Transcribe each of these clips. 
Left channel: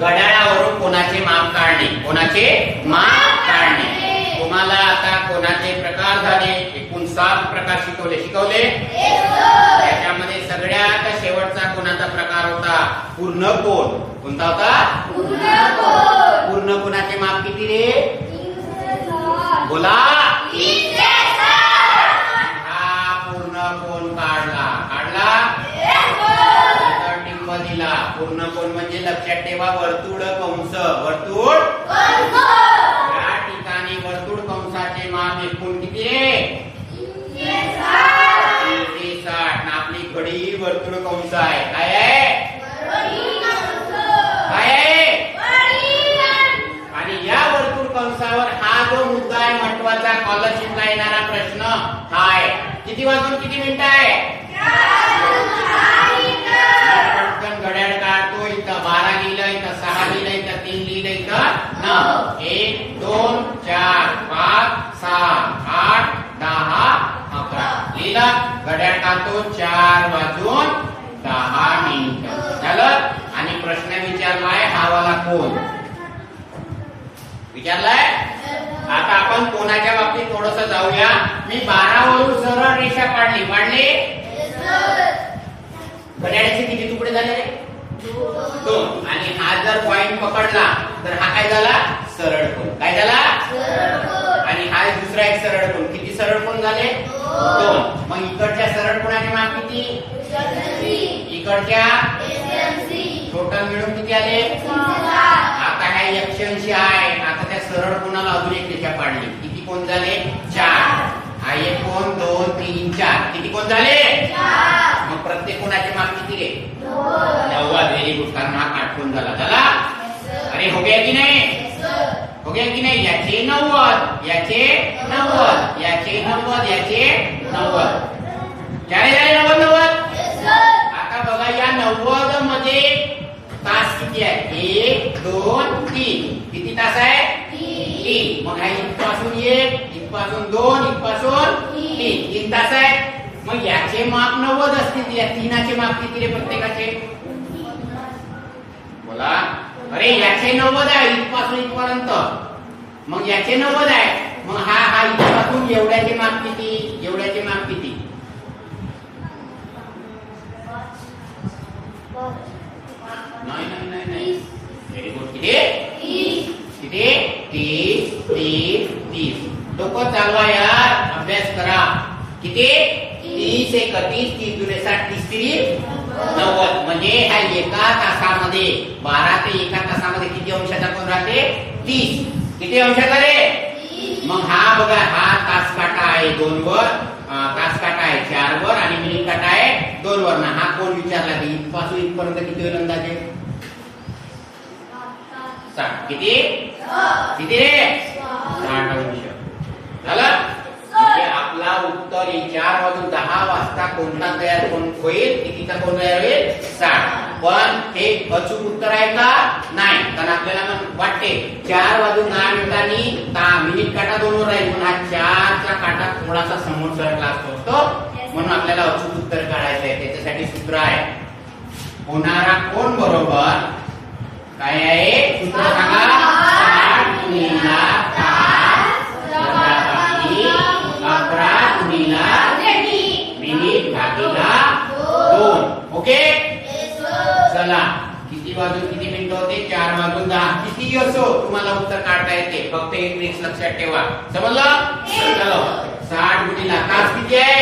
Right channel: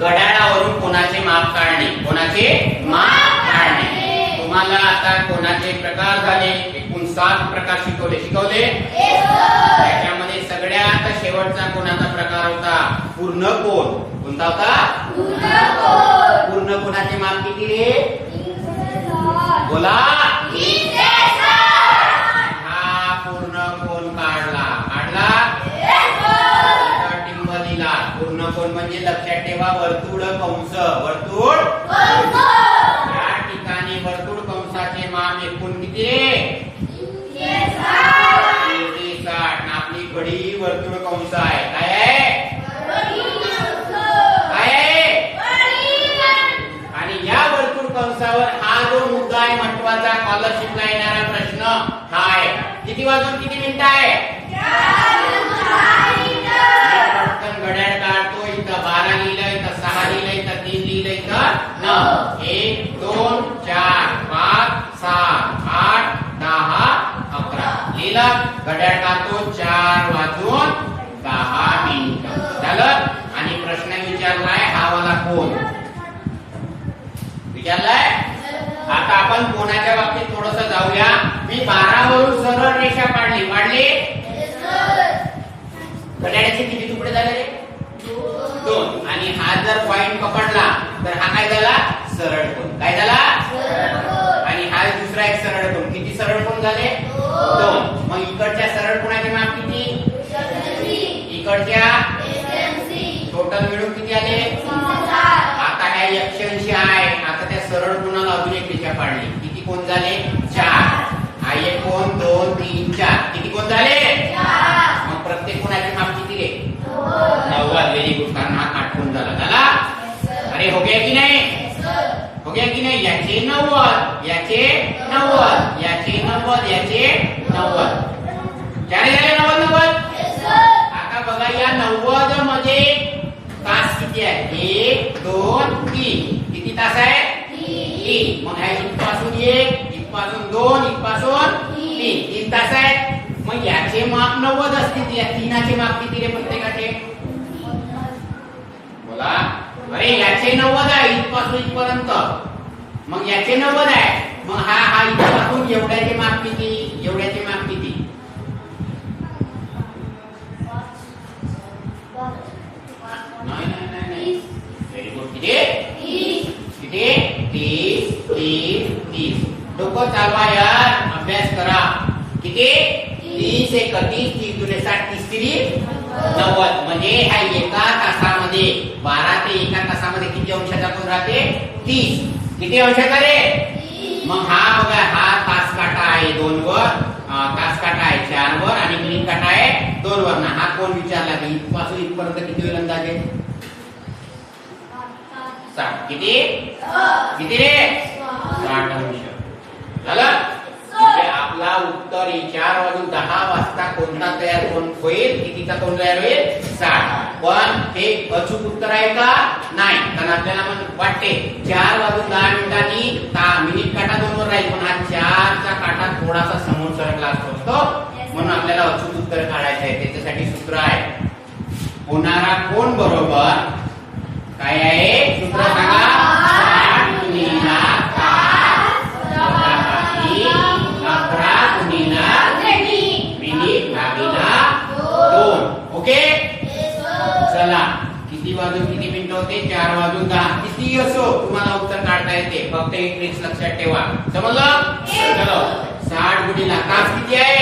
घड्याळावरून कोणाचे माप काढणे. कोणाचे माप काढणे. तुम्हाला आता कोणाचे प्रकार झाले. एकूण 7 प्रकार शिकवले. त्याच्यामध्ये सगळ्यात शेवटचा कोणाचा प्रकार होता पूर्ण कोन. कोणता होता पूर्ण कोणाचे माप किती रे. बोला. हा पूर्ण कोन काढला. टिंब दिला. पूर्ण कोन म्हणजे लक्षात ठेवा वर्तुळ कंस. वर्तुळ या ठिकाणी वर्तुळ कंसाचे माप एकूण किती रे 360. आपली घडी वर्तुळ कंस आहे. काय आहे आणि या वर्तुळ कंसावर हा जो मुद्दा आहे महत्वाचा स्कॉलरशिपला येणारा प्रश्न हा आहे. किती वाजून किती मिनिटं आहे. पटकन घड्याळ काढतो. इथं 12 लिहिलं, इथं 6 लिहिलं, इथं 3 लिहिलं, इथं 9. 1 2 4 5 7 8 10 11 लिहिलं. घड्याळ काढतो 4 वाजून 10 मिनिटं झालं. आणि प्रश्न विचारलाय हा वाला कोण विचारलाय. आता आपण कोणाच्या बाबतीत थोडस जाऊया. मी 12 वरून सरळ रेषा काढली. घड्याळाचे किती तुकडे झाले 2. आणि हा जर पॉइंट पकडला तर हा काय झाला सरळ कोन. काय झाला आणि हा दुसरा एक सरळ कोन. किती सरळ कोन झाले 2. मग इकडच्या सरळ कोणाचे माप किती. इकडच्या टोटल मिळून किती आले. आता ह्या 180 आहे. आता त्या सरळ कोणाला अजून एक रेषा काढली. किती कोण झाले 4. हा एक कोण 2 3 4 किती कोण झाले. मग प्रत्येक कोणाचे माप किती रे 90. Very good. कारण हा काटकोन झाला. अरे हो गया की नाही. हो गया की नाही. याचे 90 याचे 90 याचे 90 याचे 90 झाले 90. आता बघा या 90 मध्ये तास किती आहे 1 2 3. किती तास आहे 3. मग हा इथपासून 1 इथपासून 2 इथपासून 3 तास आहे. मग याचे माप 90 असतील. या 3चे माप किती रे प्रत्येकाचे. बोला. अरे याचे 90 आहे इथपासून इथपर्यंत. मग याचे 90 आहे. मग हा इथपासून एवढ्याचे माप किती. एवढ्याचे माप किती. नाही. Very good. किती 30. डोकं चालवा यार. अभ्यास करा. किती 30 एक 30 3 दुने 60 30 90. म्हणजे हा एका तासामध्ये 12 ते एका तासामध्ये किती अंशाचा कोन राहते 30. किती अंशाचा रे. मग हा बघा हा तास काटा आहे 2 वर. तास काटा आहे 4 वर आणि मिनिट काटा आहे 2 वर. ना हा कोण विचारला की इथपासून इथपर्यंत किती होईल अंदाजे 60. किती रे 60 अंश झालं. आपला उत्तर 4 वाजून 10 वाजता कोणता तयार होईल. कितीचा कोण तयार होईल 60. पण हे अचूक उत्तर आहे का नाही. कारण आपल्याला वाटते 4 वाजून 10 मिनिटांनी मिनिट काटा 2 वर राहील. पण हा 4चा काटा थोडासा समोर सरकला असतो. म्हणून आपल्याला अचूक उत्तर काढायचं आहे. त्याच्यासाठी सूत्र आहे होणारा कोण बरोबर काय आहे सूत्र सांगा. 60 गुणिला 11 गुणिला मिनिट भागिला 2. ओके. चला किती वाजून किती मिनिटं होते 4 वाजून 10. किती असो तुम्हाला उत्तर काढता येते. फक्त एक ट्रिक लक्षात ठेवा. समजलं. चलो 60 गुणिला तास किती आहे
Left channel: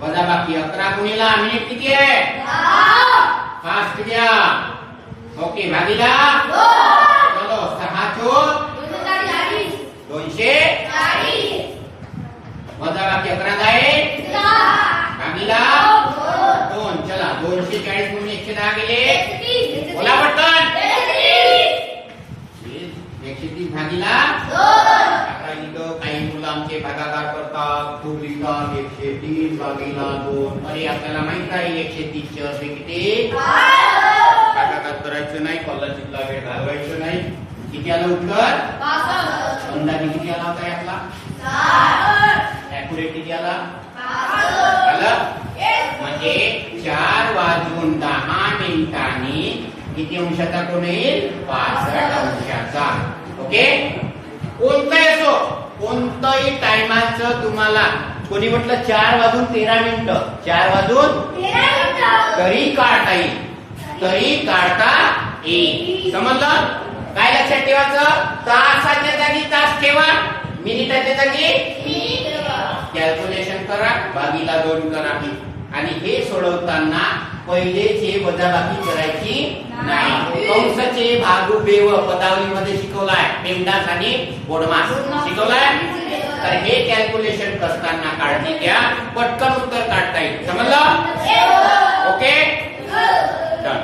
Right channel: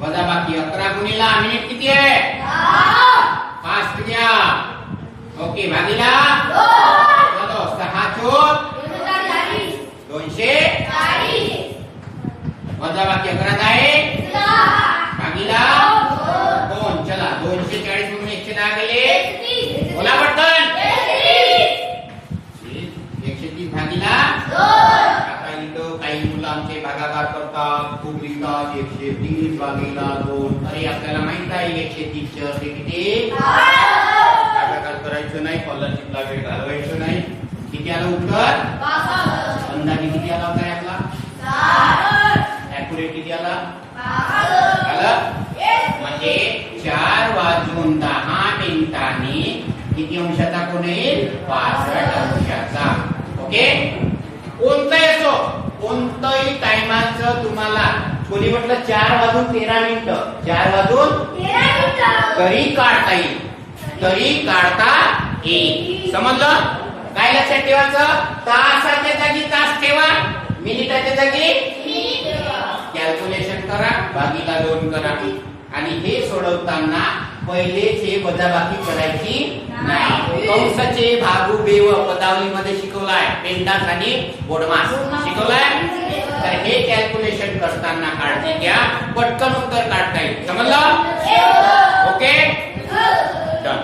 वजा बाकी 11 गुणिला मिनिट किती आहे 5 घ्या. ओके भागिला चलो 6 चोक 240 वजा बाकी 11 आहे भागिला 2. चला 240 म्हणून 110 गेले. बोला पटकन 130 भागिला 2. आता इथं काही मुलं आमचे भागाकार करतात. खूप लिहितात 130 भागिला 2. अरे आपल्याला माहित आहे 130 चे अर्थ किती. भागाकार करायचं नाही. स्कॉलरशिपला वेळ घालवायचं नाही. किती आलं उत्तर अंदाजे किती आला होता आपला ऍक्युरेट किती आला म्हणजे 4:10 किती अंशाचा कोण येईल 65 अंशाचा. ओके, कोणताही असो कोणतंही टायमाचं तुम्हाला कोणी म्हटलं 4:13 तरी काढता येईल, समजलं. काय लक्षात ठेवायचं, तासाच्या जागी तास ठेवा, मिनिटाच्या जागी कॅल्क्युलेशन करा, भागीला 2 करा. आणि हे सोडवताना पहिलेचे वजाबाकी करायची नाही. कंसाचे भागू बेव पदावलीमध्ये शिकवलाय, पेंडास आणि बोडमास शिकवलाय. तर हे कॅल्क्युलेशन करताना काळजी घ्या, पटकन उत्तर काढता येईल. समजलं. Okay, done.